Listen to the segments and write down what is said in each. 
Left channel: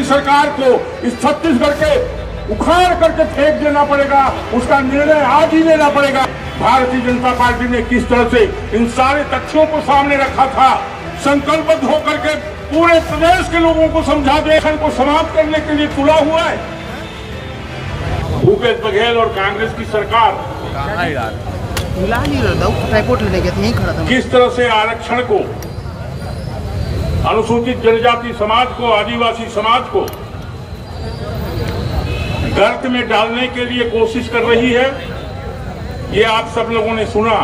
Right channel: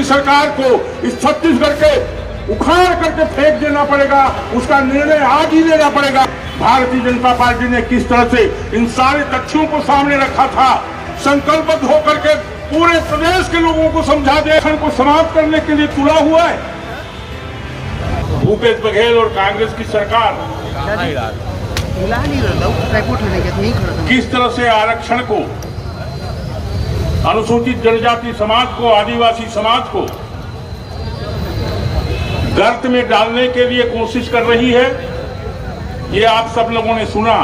की सरकार को इस छत्तीसगढ़ के उखाड़ करके फेंक देना पड़ेगा। उसका निर्णय आज ही लेना पड़ेगा। भारतीय जनता पार्टी ने किस तरह से इन सारे तथ्यों को सामने रखा था, संकल्पबद्ध होकर के पूरे प्रदेश के लोगों को समझा देश को समाप्त करने के लिए तुला हुआ है। भूपेश बघेल और कांग्रेस की सरकार किस तरह से आरक्षण को, अनुसूचित जनजाति समाज को, आदिवासी समाज को गर्त में डालने के लिए कोशिश कर रही है, ये आप सब लोगों ने सुना।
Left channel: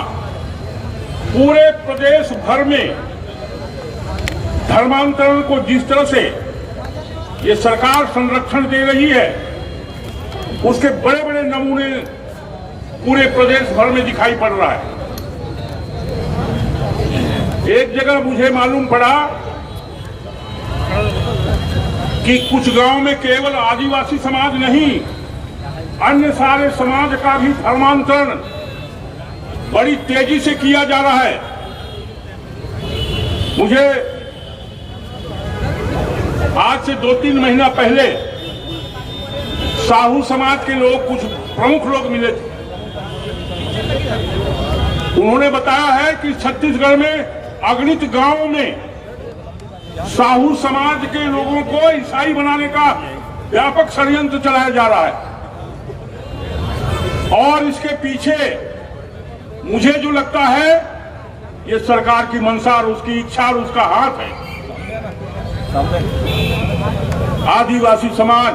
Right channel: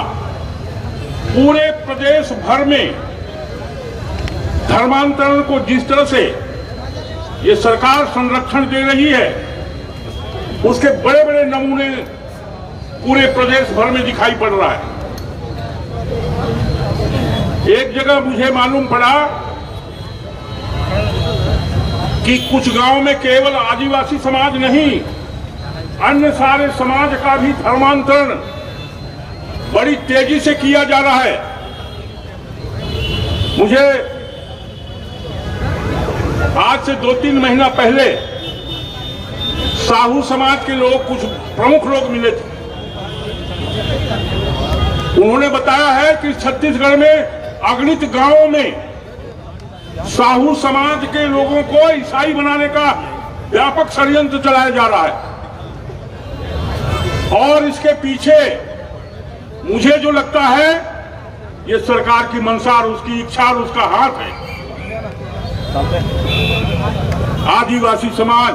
पूरे प्रदेश भर में धर्मांतरण को जिस तरह से ये सरकार संरक्षण दे रही है, उसके बड़े बड़े नमूने पूरे प्रदेश भर में दिखाई पड़ रहा है। एक जगह मुझे मालूम पड़ा कि कुछ गांव में केवल आदिवासी समाज नहीं, अन्य सारे समाज का भी धर्मांतरण बड़ी तेजी से किया जा रहा है। मुझे आज से 2-3 महीना पहले साहू समाज के लोग, कुछ प्रमुख लोग मिले थे। उन्होंने बताया है कि छत्तीसगढ़ में अगणित गांवों में साहू समाज के लोगों को ईसाई बनाने का व्यापक षड्यंत्र चलाया जा रहा है। और इसके पीछे मुझे जो लगता है, ये सरकार की मंशा और उसकी इच्छा और उसका हाथ है। आदिवासी समाज,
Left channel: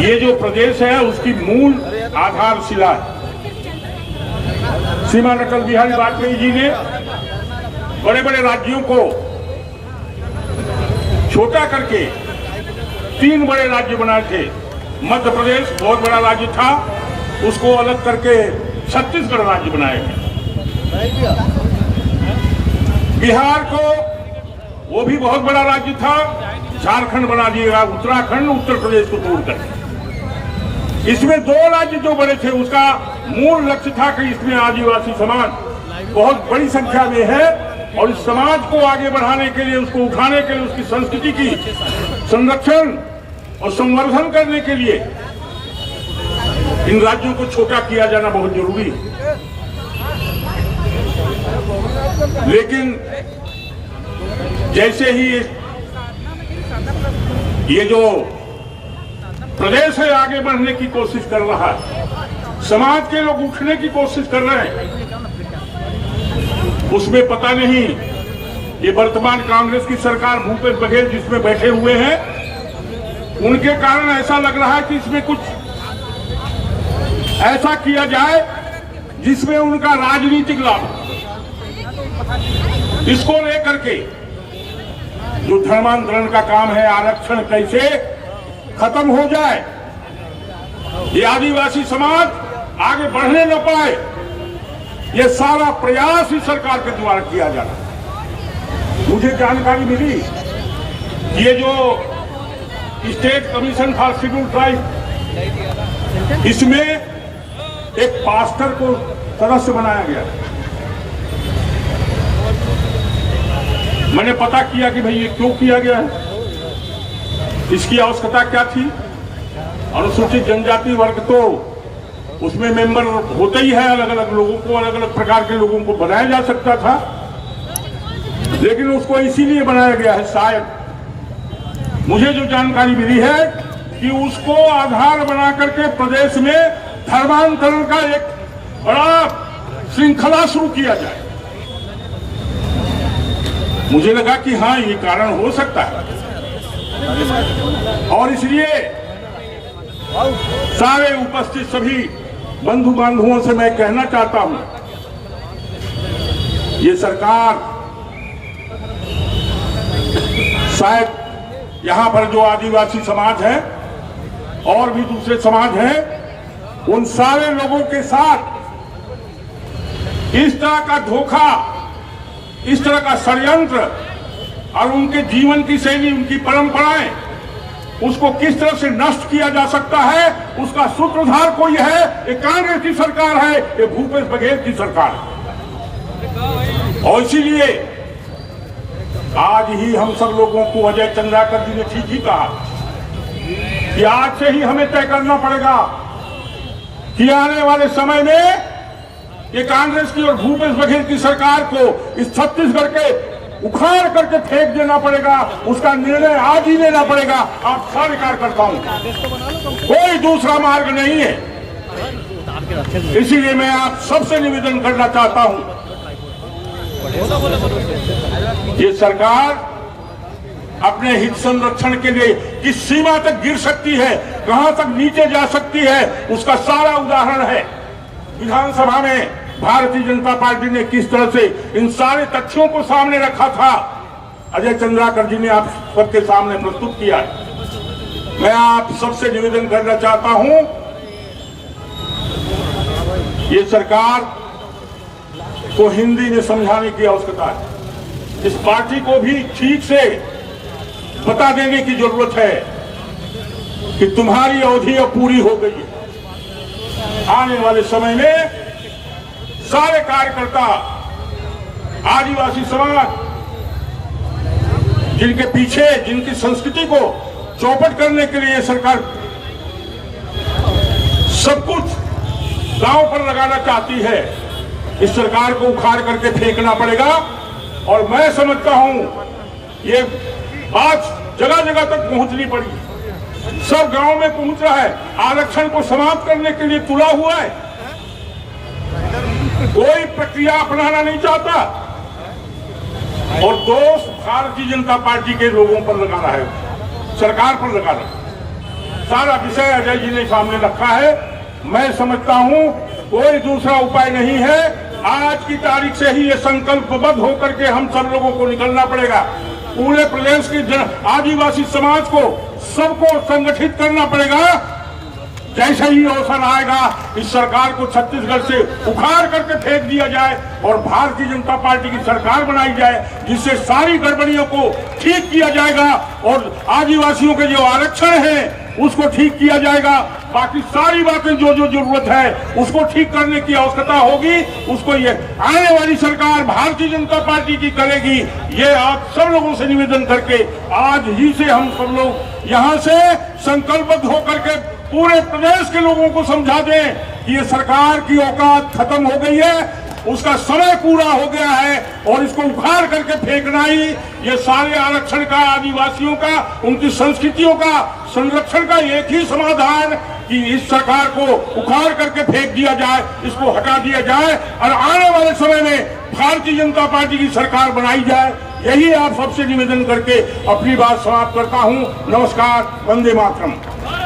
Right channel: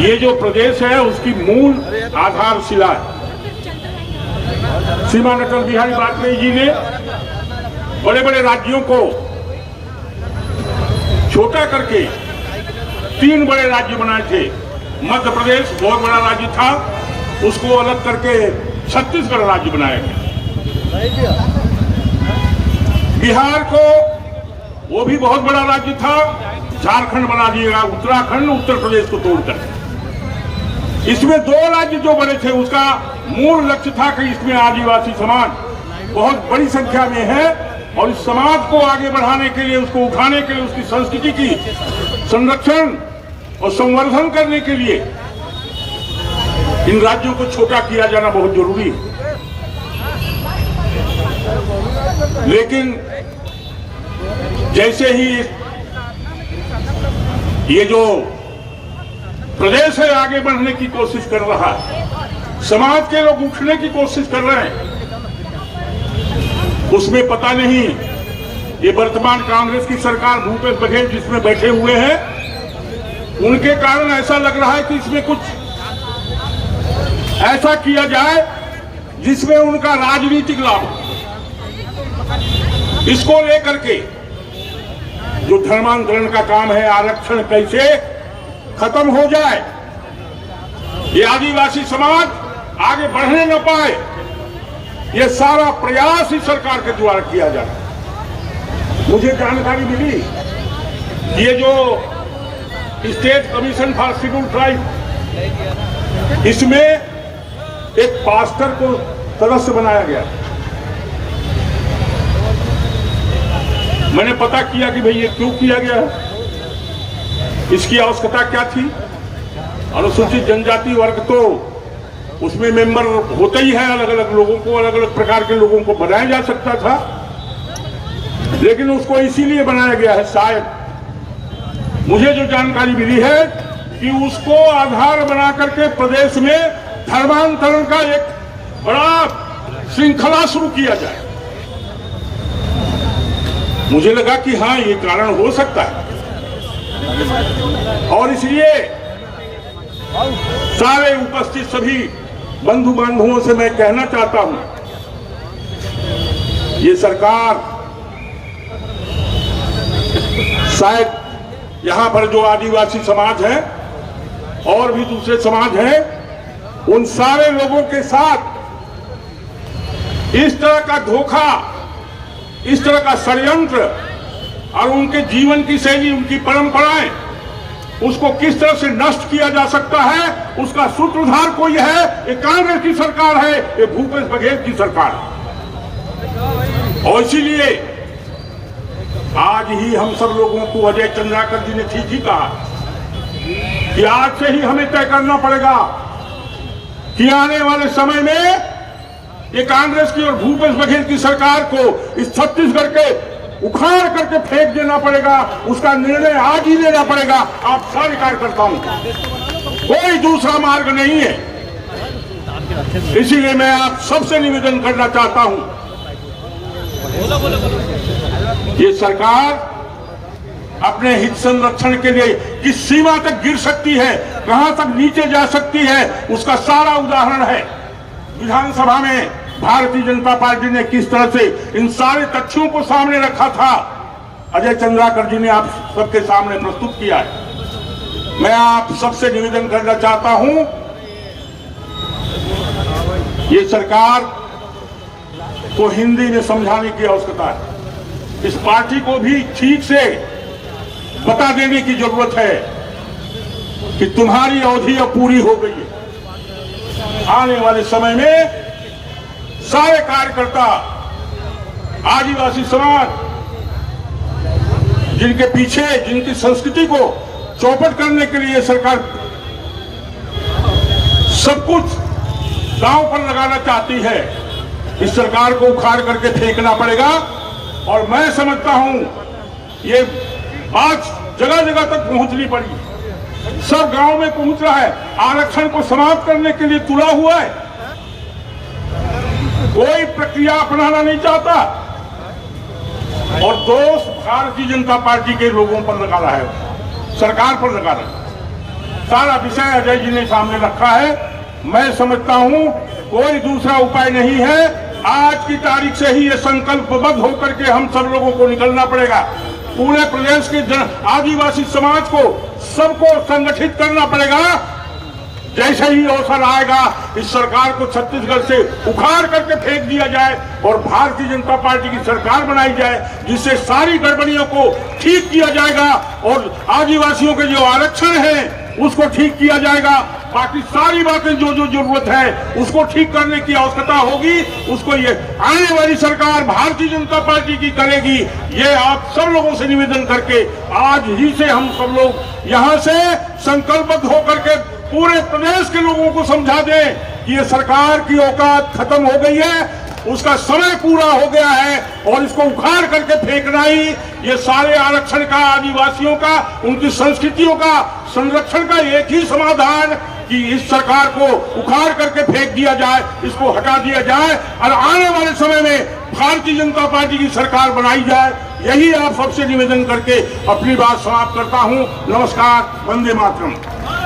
ये जो प्रदेश है उसकी मूल आधारशिला है। श्रीमान अटल बिहारी वाजपेयी जी ने बड़े बड़े राज्यों को छोटा करके 3 बड़े राज्य बनाए थे। मध्य प्रदेश बहुत बड़ा राज्य था, उसको अलग करके छत्तीसगढ़ राज्य बनाया गया। बिहार को, वो भी बहुत बड़ा राज्य था, झारखंड बना दिएगा, उत्तराखंड, उत्तर प्रदेश को तोड़कर। इसमें 2 राज्य जो बड़े थे, उसका मूल लक्ष्य था कि इसमें आदिवासी समाज बहुत बड़ी संख्या में है और इस समाज को आगे बढ़ाने के लिए, उसको उठाने के लिए, उसकी संस्कृति की संरक्षण और संवर्धन करने के लिए इन राज्यों को छोटा किया जाना बहुत जरूरी है। लेकिन जैसे ही ये जो प्रदेश है आगे बढ़ने की कोशिश कर रहा है, समाज के लोग उठने की कोशिश कर रहे हैं, उसमें पता नहीं ये वर्तमान कांग्रेस की सरकार, भूपेश बघेल जिसमें बैठे हुए हैं, उनके कारण ऐसा लग रहा है कि इसमें कुछ ऐसा किया जाए जिसमें उनका राजनीतिक लाभ हो। इसको लेकर के जो धर्मांतरण का काम है, आरक्षण कैसे खत्म हो जाए, ये आदिवासी समाज आगे बढ़ने न पाए, ये सारा प्रयास इस सरकार के द्वारा किया जा रहा है। मुझे जानकारी मिली कि ये जो state commission for schedule tribe, इसमें एक पास्टर को सदस्य बनाया गया। मैंने पता किया कि भाई ये क्यों किया गया है, इसकी आवश्यकता क्या थी। अनुसूचित जनजाति वर्ग तो उसमें मेंबर होते ही है, अलग अलग लोगों को, अलग अलग प्रकार के लोगों को बनाया जा सकता था, लेकिन उसको इसीलिए बनाया गया है शायद, मुझे जो जानकारी मिली है कि उसको आधार बना करके प्रदेश में धर्मांतरण का एक बड़ा श्रृंखला शुरू किया जाए। मुझे लगा कि हाँ, ये कारण हो सकता है और इसलिए सारे उपस्थित सभी बंधु बांधवों से मैं कहना चाहता हूं, ये सरकार शायद यहां पर जो आदिवासी समाज है और भी दूसरे समाज हैं, उन सारे लोगों के साथ इस तरह का धोखा, इस तरह का षड्यंत्र और उनके जीवन की शैली, उनकी परंपराएं, उसको किस तरह से नष्ट किया जा सकता है, उसका सूत्रधार कोई है, ये कांग्रेस की सरकार है, ये भूपेश बघेल की सरकार है। और इसीलिए आज ही हम सब लोगों को अजय चंद्राकर जी ने ठीक ही कहा कि आज से ही हमें तय करना पड़ेगा कि आने वाले समय में ये कांग्रेस की और भूपेश बघेल की सरकार को इस छत्तीसगढ़ के उखाड़ करके फेंक देना पड़ेगा। उसका निर्णय आज ही लेना पड़ेगा। आप सारे कार्यकर्ताओं का कोई दूसरा मार्ग नहीं है। इसीलिए मैं आप सबसे निवेदन करना चाहता हूं, ये सरकार अपने हित संरक्षण के लिए किस सीमा तक गिर सकती है, कहां तक नीचे जा सकती है, उसका सारा उदाहरण है। विधानसभा में भारतीय जनता पार्टी ने किस तरह से इन सारे तथ्यों को सामने रखा था, अजय चंद्राकर जी ने आप सबके सामने प्रस्तुत किया है। मैं आप सबसे निवेदन करना चाहता हूं, ये सरकार को हिंदी में समझाने की आवश्यकता है। इस पार्टी को भी ठीक से बता देने की जरूरत है कि तुम्हारी अवधि अब पूरी हो गई है। आने वाले समय में सारे कार्यकर्ता, आदिवासी समाज, जिनके पीछे जिनकी संस्कृति को चौपट करने के लिए सरकार सब कुछ गांव पर लगाना चाहती है, इस सरकार को उखाड़ करके फेंकना पड़ेगा। और मैं समझता हूं ये बात जगह जगह तक पहुंचनी पड़ी, सब गांव में पहुंच रहा है। आरक्षण को समाप्त करने के लिए तुला हुआ है, कोई प्रक्रिया अपनाना नहीं चाहता और दोष भारतीय जनता पार्टी के लोगों पर लगा रहा है, सरकार पर लगा रहा है। सारा विषय अजय जी ने सामने रखा है। मैं समझता हूं कोई दूसरा उपाय नहीं है। आज की तारीख से ही ये संकल्पबद्ध होकर के हम सब लोगों को निकलना पड़ेगा। पूरे प्रदेश के आदिवासी समाज को सबको संगठित करना पड़ेगा। जैसे ही अवसर आएगा इस सरकार को छत्तीसगढ़ से उखाड़ करके फेंक दिया जाए और भारतीय जनता पार्टी की सरकार बनाई जाए, जिससे सारी गड़बड़ियों को ठीक किया जाएगा और आदिवासियों के जो आरक्षण है उसको ठीक किया जाएगा। बाकी सारी बातें जो जो जरूरत है उसको ठीक करने की आवश्यकता होगी, उसको ये आने वाली सरकार भारतीय जनता पार्टी की करेगी। ये आप सब लोगों से निवेदन करके आज ही से हम सब लोग यहाँ से संकल्पबद्ध होकर के पूरे प्रदेश के लोगों को समझा दें कि ये सरकार की औकात खत्म हो गई है, उसका समय पूरा हो गया है और इसको उखाड़ करके फेंकना ही ये सारे आरक्षण का, आदिवासियों का, उनकी संस्कृतियों का संरक्षण का एक ही समाधान कि इस सरकार को उखाड़ करके फेंक दिया जाए, इसको हटा दिया जाए और आने वाले समय में भारतीय जनता पार्टी की सरकार बनाई जाए। यही आप सबसे निवेदन करके अपनी बात समाप्त करता हूं। नमस्कार, वंदे मातरम।